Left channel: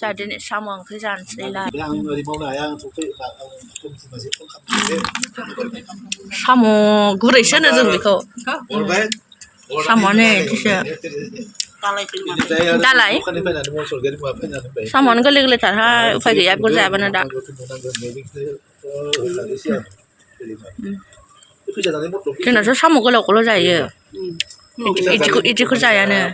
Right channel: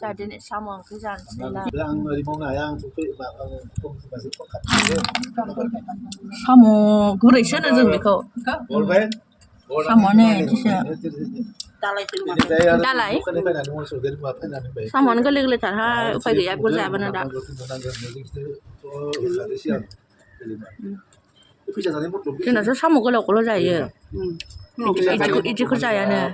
Jadi sama onkri jangan lah. Sama gurih sih nih jadi kau. Sama nih sih. Dalai. Sama nih geli tarha upaya dia gur jaya bener dah. Kena so sama kalau jaya. Iji gur jaya nih.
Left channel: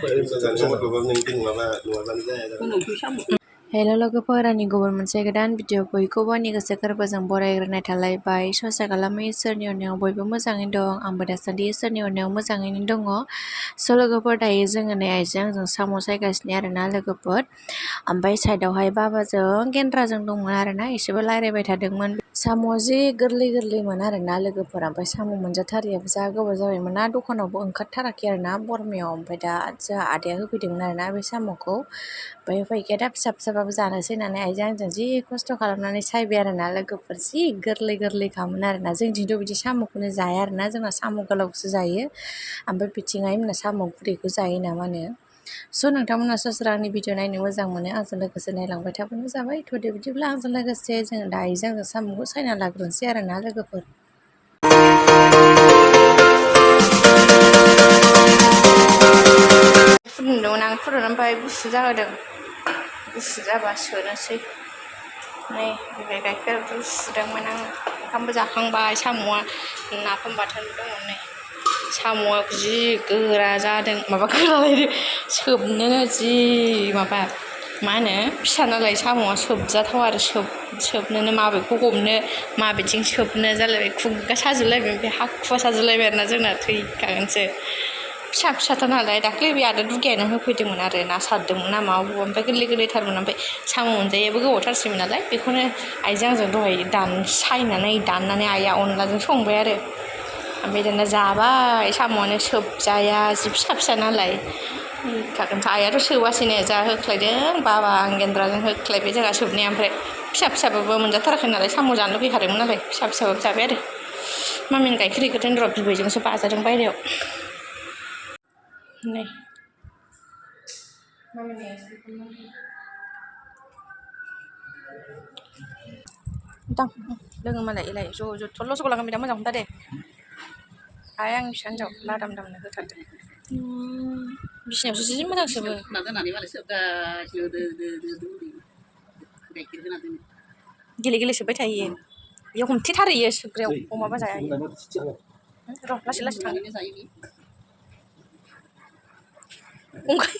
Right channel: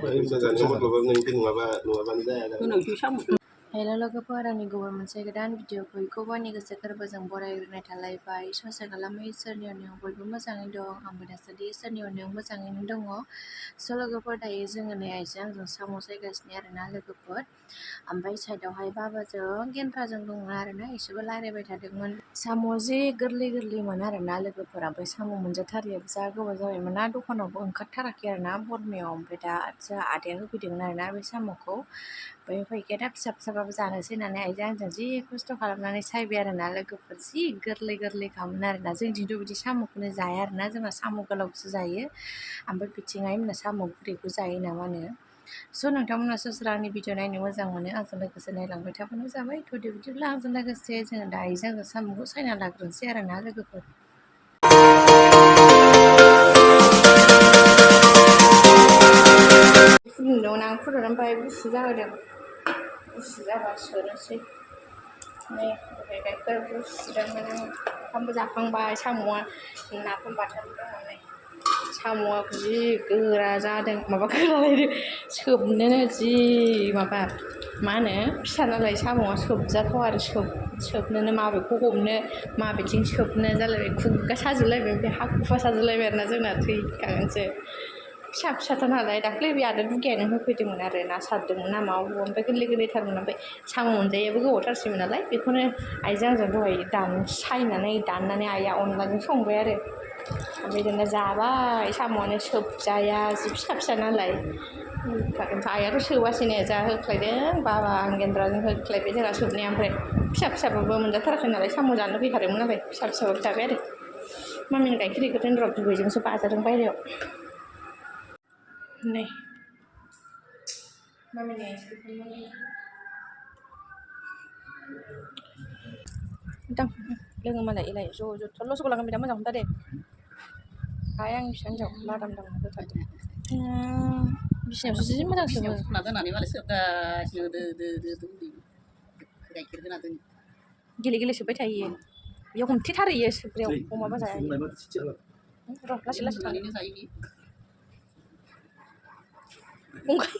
Hello लोगोफोर गुबुन मोनसे गोदान video बयखौबो आंनि गोसो गोरबोजों बरायग्रोनाय थालायबाय सहाय खालामो इसोरनि अननायाव बयबो मोजाङैनो दं आंबो दासान्दि इसोरनि अननायाव मोजाङैनो दङ स' लोगोफोर दायो जोङो नै आइजों साम' सायगासिनो आरोना लोगोफोर ओमफ्राय साइडआवहाय बाबाजों गेन्द्राजों दंमोन आरोना एसेबो रायलायबाय थादोंमोन साम' जि गोरलै गोरलैमोन आरोना लोगोफोर ओमफ्राय साम' मोनजाथारियाबो जा गोबाव जाबायमोन ना दखानावबो ओंखारथाराखै आरोना बरमायाव ओमफ्राय दा जोंहा आदाया होफैदोंमोन आरोना बे साम'खौ ओमफ्य फैखाया दा फिसा फिसाबाबो जानोसै होननानै आइजों आंजों जि खस्थ' खालामनानै सायबाय आरोना लोगोफोर जि गोरलै गोरलैखामोन आरोना जोंथिंथ' बिदि साम'खौनो जाया आरोना जोंना साम' गोलावसो जायो ओमफ्राय बिथिंहाय मोना साम' गुरैखौ जायो नामानो स' नोंथांमोना सोरबा आंनि भिडिअ नायनो मोजां मोनो आंजों लोगोसे नायलांबाय थाबानो जाबाय थ'दे बिदिब्ला आंजों लोगोसे जोङो दा आइजों आंजों साम'खौ सायना लाग्रोनोसै आरोना लोगोफोर फुदुंदोंमोन आं फुदुंनानै ओमफ्राय गुसु जाहोदों गुसु जाबा सोनोसै नै बे गाइखेर सुदोंमोन आं ओंखामबो जाखांबाय साम'आ नाफाम बाथोन दङ नै साम'आ जि गोरा जादों माबा गोरालायदो सोबनोनो जि माबा मा होनो फिसा नालाय साम'आ सोबजाथाव आरो सोबनोनो माबेखौ हमनो माबेथिं सोबनो जालायबाय खुगा साजोबलायबाय ओमफ्राय हाखुवा साजोबलायबाय आरोना जोंना थैखागोनसो फिसा फिसाथार नालाय दाख्लै बे आदा दुगायानो होफैदोंमोन आरो ना सारदोंमोन ना माबा ओमफ्राय गोरलै गोरलैथारमोन ओमफ्राय साम' मोनजायैयाबो गोबावथारसैमोन नालाय बेखौनो आइजों आंजों दहाय दाननानै आइया अनलाजों संबाय आरो ओमफ्राय दाना जाबाय साम'आनो सोबजाया जि फिसा फिसा नालाय थैखागोनसो आइयाथ' सोबासैनो जा होख्लायदों बाबा आं गेन्द्राजों होख्लायबाय जोंहा सोबनाया ओमफ्राय फिसा फिसाबाबो मोनजाथाराखै नालाय साम' जानो लुगैखादोंमोन नालाय फिसा फिसाबाबो जाबाय आरो मामिनि गाइखेर हैग्रोदों र' बिबैजोंसो बाजादों बायहेरायाव नै मामिनि दां लोङो मालाय एलाय ज' थरल' सगलांगोन बिराद मोजां हमथा दे आइ आंनि फिसा हिन्जाव लादाम दामनो होथारदों बिसिनायावसो जि मोजां सोबो गेले गेले सोबबाय थायो बेयाव हमथेथारो इयो सोबग्रायाव अमाबा जाया र' लासै लासै थांनो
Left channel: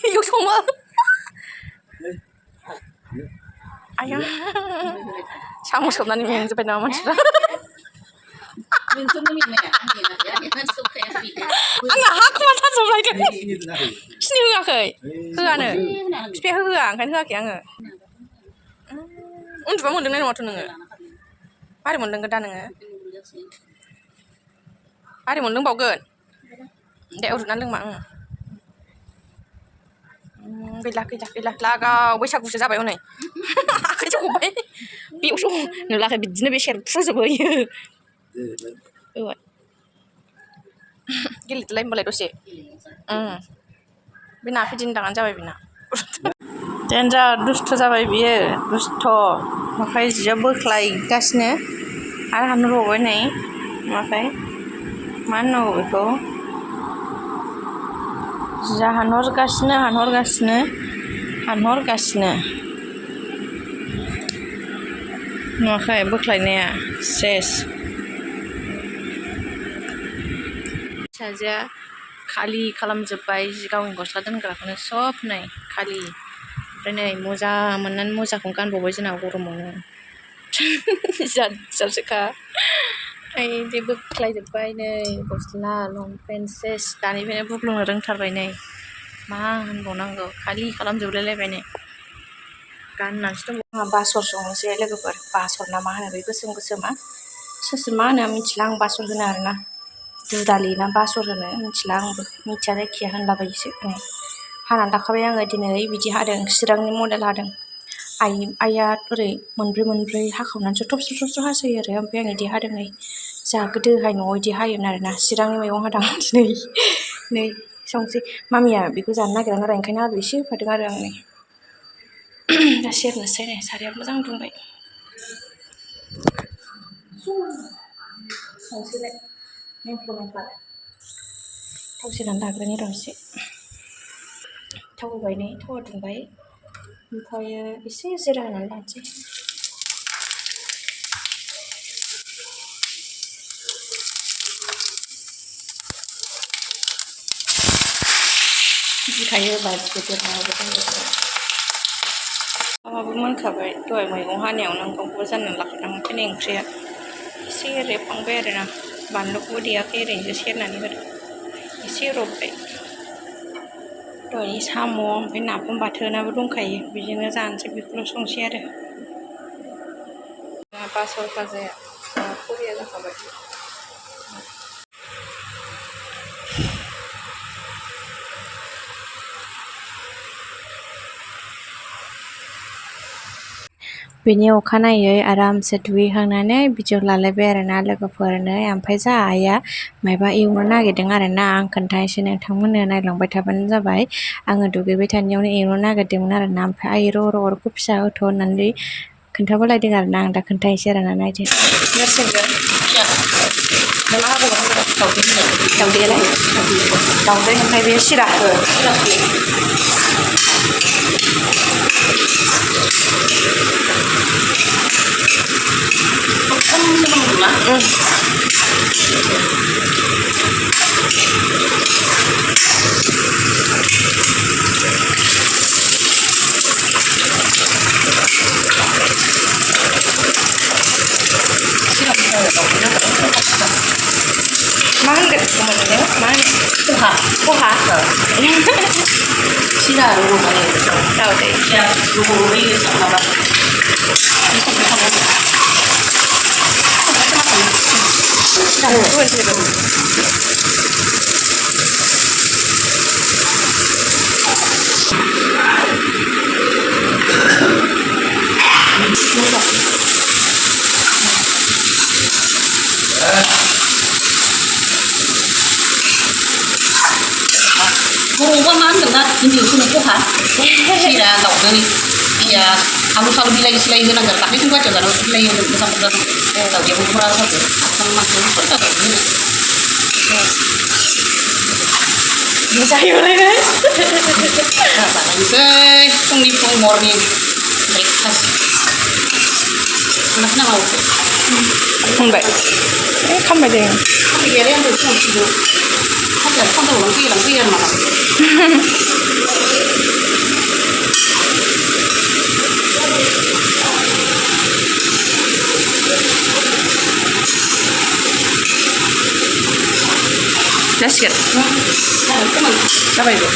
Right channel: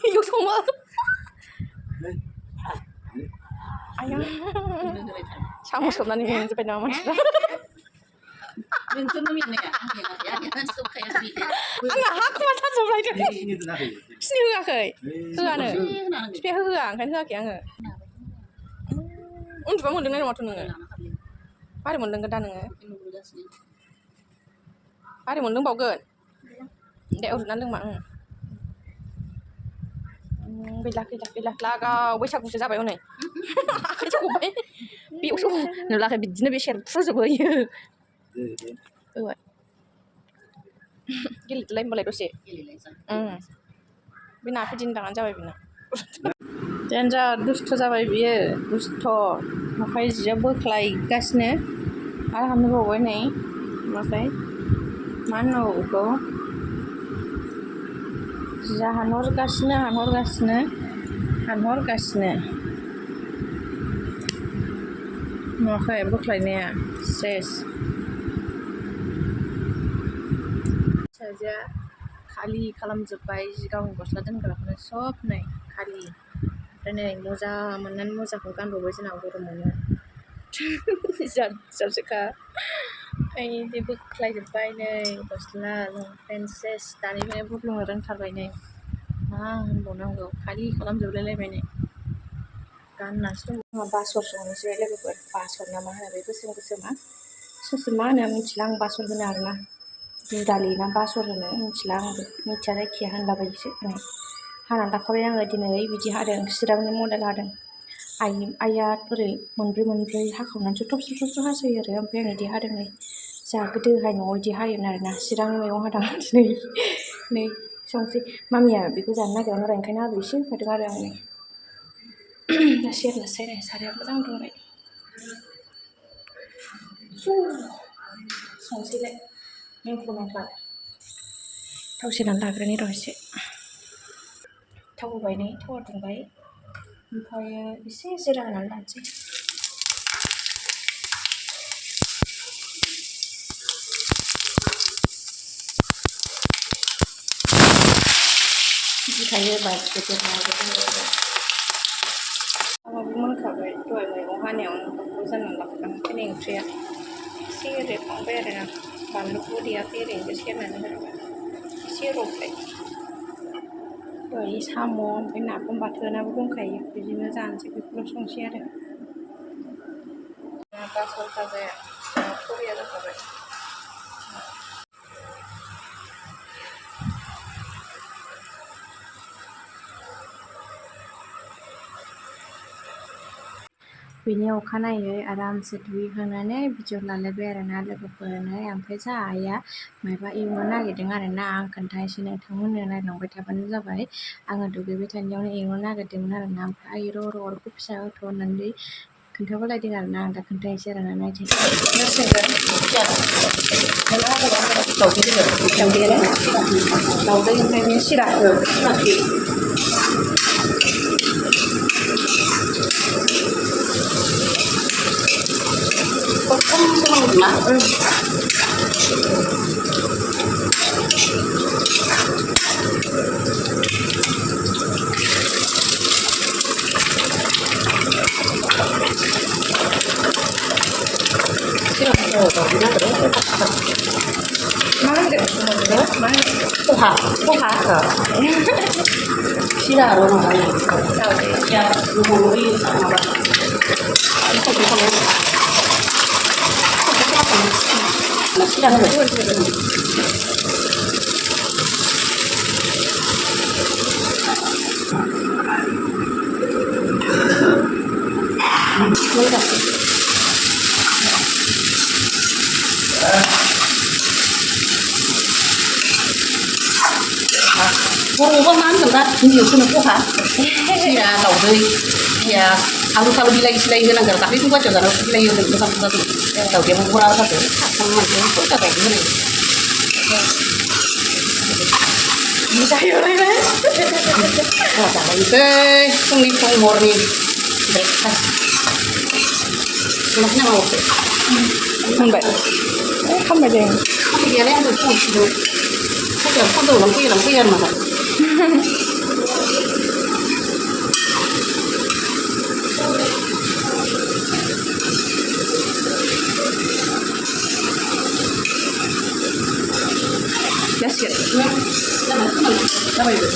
इयाव सङो आया साम' सोबनानै मेंजोब्बाय नामा मानसिफ्रा आंना हाखुवा साजोबलायदों सिनि होआखै होआनो बिफाया होआ ओंखायनो होआखै आङो उन्दुबा मोनलोंनाय नङाथ' नोङो मारै मोनलोंगोन दा नोङो मारै मोनलोंबावगोन दे उन्दुना लोंमा गैला लागाव बैसागुसो जाबाय हनै आखाइसो गबाय बेयावसो नुलाखै बिदिनो बे सेरफ्रुजोबो इयो गेलेदोलाय होनबालाय दसे बे नाफे दिन्दाङानो जाबाय बेना देन्जार दुस्थ' जाबाय बियो दुस्थ' ओमफ्राय जिया बोख्लायगासिनो आरो हानहरबावबाय नै ओमफ्राय मा होननांगौ बेखौ जिया हानहरगासिनो नुवाखै बोख्लायनाया सेस फिसाजोआ खालि खालामजोब्बाय जि गावनि गस्ला दोनग्राखौनो सब नै खालि ओमफ्राय नै मजा मोननानै मजाखौनो गानबावबाय जोंना गरमावनो जारसोखा ओमफ्राय बोख्लायजोब्बाय नै गस्ला लंपेन्ट सेस दानिफ्रायनो बुग्लुंनो रोंथारबाय नै मा होनबावनांगौ खालि खालामजोबलायलायबाय नै गाननानैसो दं आंहा बासर संनोसै लोगोफोर बासर ना मा होनो बे गोसोम गोसोमा सोर मा होनो मिथिला आं बासर होनो आरोना दुदालि ना बासर होनो मिथिला आंबो मिथिया जायखिया होनलाबायोसो नै हानानै लाखाबाय आङो दिनै बिदि हादों चिरांनि मडेल हादों आइया ओरै मोनब्रै हाखावनानैसो थबस्र' हासोयो आरो ओमफ्राय आं बिदि हादों नै जोंहा गोदोहाय न'आव बिदि हायोमोन आरोना चिरांनि मैगं हादों दिनै नै संसै मामिया बेखौ जानो नागिरा आरो ओंखायनो आलु एसे होफादों आरो आं नै दा सेरनोसै नै साराया मोजां दुंबाय संसैलाय मेंख्ल' थाव सेरनानै लाग्रोनि र' एसे थाव होबाय नै थावा दुंबाय ओमफ्रायो एसे जिरा होनानै लानोसै गिखायो माबाबो मोनखाबाय दहाय मैगं हानायावनो ओंखामखौबो जाननानै लाखादों ओंखायनो ओंख्रिया एसे रेबहांबाय आरोना बानलुखौबो देयाखै ओरैनोसो सेरनानै होदों एसे रबबाय दहायनि साम' ओमफ्राय नाफाम बाथोनाबो दंखायो बेजोंनो जानोसै बेखौल' संसै आरो बासल फाजाया बरिया जाखाबाय बेनि अखानायै आरामसे दुगैखांनानै भिडिअ लालायबाय आरोना लोगोफोरनो ओमफ्राय जा आइया माबा एवनो नागिरदों आरोना आं खोन्थानोसै नोंथांमोननो नायलांबाय थाबानो जाबाय आङो दुगैबाय थानायावनो एवनो नागिरदोंमोन आरोना ओमफ्राय आइ र' अरखौ फिसा होथ' होननानै खोन्थाबोलायदों आरोना आं दा खोन्थानोसै आरोना नायदो दाउदैयालाय दाउदै ओमफ्राय बे सिरा मा होनगोन मोननायाव मा होनो खहा सिरा माबानाय दाउदै होयो माबा बर'आवबा मा होनगोन दा हिन्दीयावसो खहा सिरा दाउदै बिया आलु सालु बिलाइ सिलाइ होनांगोन दाख्लै जों बायदियाव जानायाव बिलाइ होदों मोजां मोजां दाउदैयाबो बरा जादों आसाम मानसियाव खरसा दाउदै होनाय जायोलाय जालायनोसै फुंनि फुं मर्निं ब्रेकफास्ट संनानै नामावसै मोनबाय खामबाय दे खामानि गैयालाय आंबो फुङाव साख्रिया फुङाव लांफैयो आरो नामा जासिगोन जाबायबो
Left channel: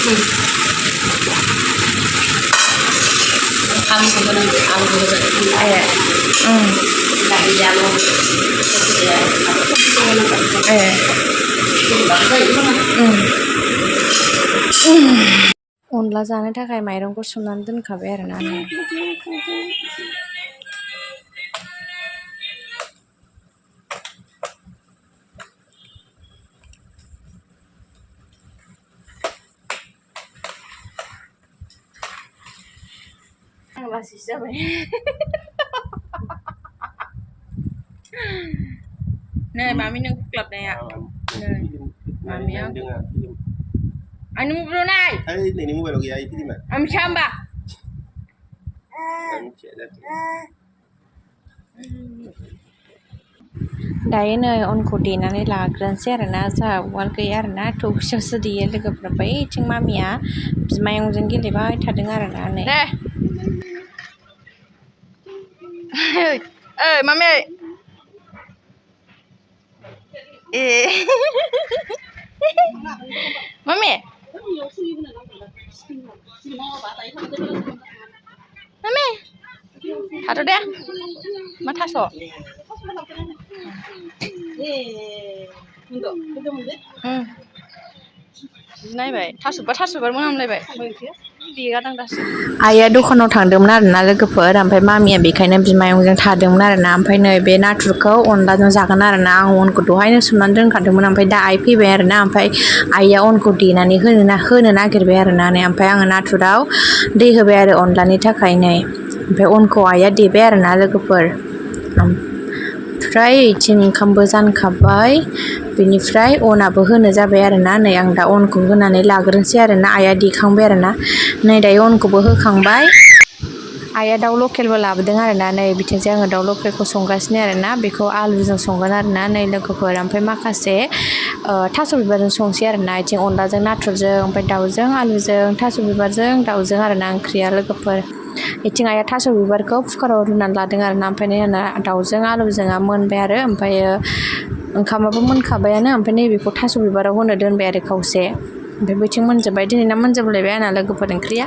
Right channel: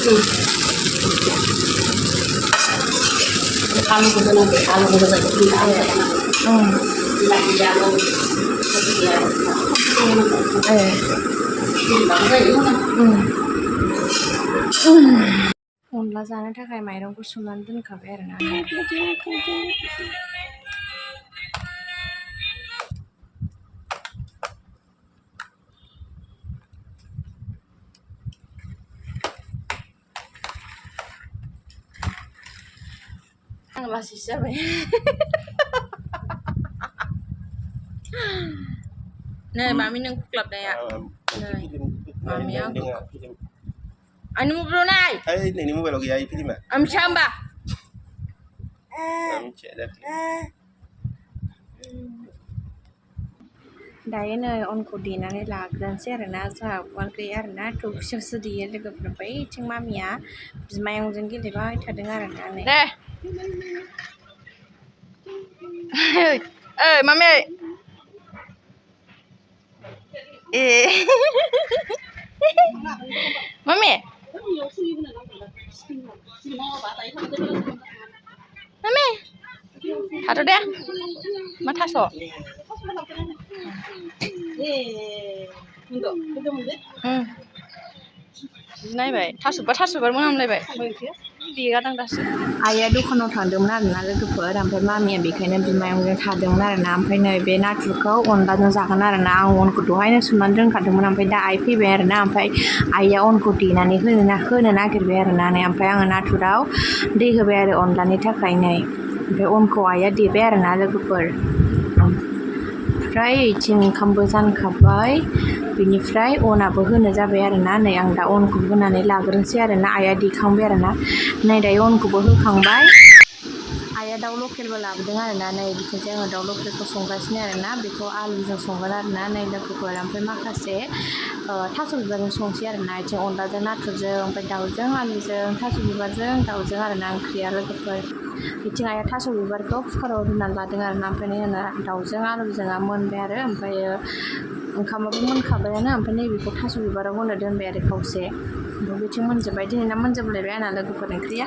आलुखौ होनांगौ आलुखौ होजायो अनला जानो थाखाय माइरंखौ सोमनानै दोनखाबाय आरोना आं लासैसो जाबाय नै मामि नों खुख्लाबनाया नै मामि आंखौ आंनि मबाइलाव नाय नोंनि मबाइलाव गैया फिल्मा आं मिथिया होमबा दायो नै अनखौ देनानै लाग्रोनोसै आरोना जोंहा उवाल गैया आरोना थौसियावसो देयो लोगोफोरा बैथिं मामिया बिमायंजों गेलेबाय थादों आरोना नै दे ओइ मामि ए मामि मामि थाथ' दे मा थास' नायबाय थास'बा मोनामलायबाय देगादां दासो आइया दखानाव थांदोंमोन आरोना लोगोफोर ओमफ्राय मामिया बेखायनो बिमायंजों थादोंमोन आरोना ओमफ्राय नै बे नाथुरखौ अनलाजों जागोन आरोना आं अनखौ दहायनो सोमनानै दोनखादोंमोन ओमफ्राय दा आइ फैबाय आरोना ओमफ्राय आइया अनखौ देनानै होनो नागिरबाय आरोना नै ओमफ्राय आङो नाथुराव दै होबाय आरो अनलानि थाखाय नै ओमफ्राय अनखौ आइया देबाय आरोना लोगोफोर ओमफ्राय इथिं ओंखामबो जानखाबाय बेनिफ्राय अनाबो होनो जाबाय आरोना नै आं दा अनखौ होनानै लाग्रोनोसै आरोना आइया देखांबाय आरोना नै दायो अनखौबो होखांबाय आइया दाउ लकेलबो लाबोदों आरोना नै बिथिंजाय आङो दाउ लकेलखौ संगासिनो आरोना बेखौ आलुजों संगोन आरोना नै लोगोफोर ओमफ्राय माखासे थास' बिबारजों संसै आरोना इथिं अनलाजों नाथुरजों ओमफ्राय दाउजों आलुजों थास' बिबारजों दाउजों आरोना ओंख्रिया लोगोफोर इथिं आइया थास' बिबारखौ कुकाराव रुनानै लादों आरोना ओमफ्राय नै आंना दाउजों आलुजोंआ मोनबाय आरो ओमफ्रायो ओंखामाबो मोनखाबायानो ओमफ्राय नैबेखौ थास' बिबाराव होनो दोनबाय आरो खावसे ओमफ्राय बैथिं मोनजोब्बाय दिनैना मोनजोबलायबाय आंना लोगोफोर ओंख्रिया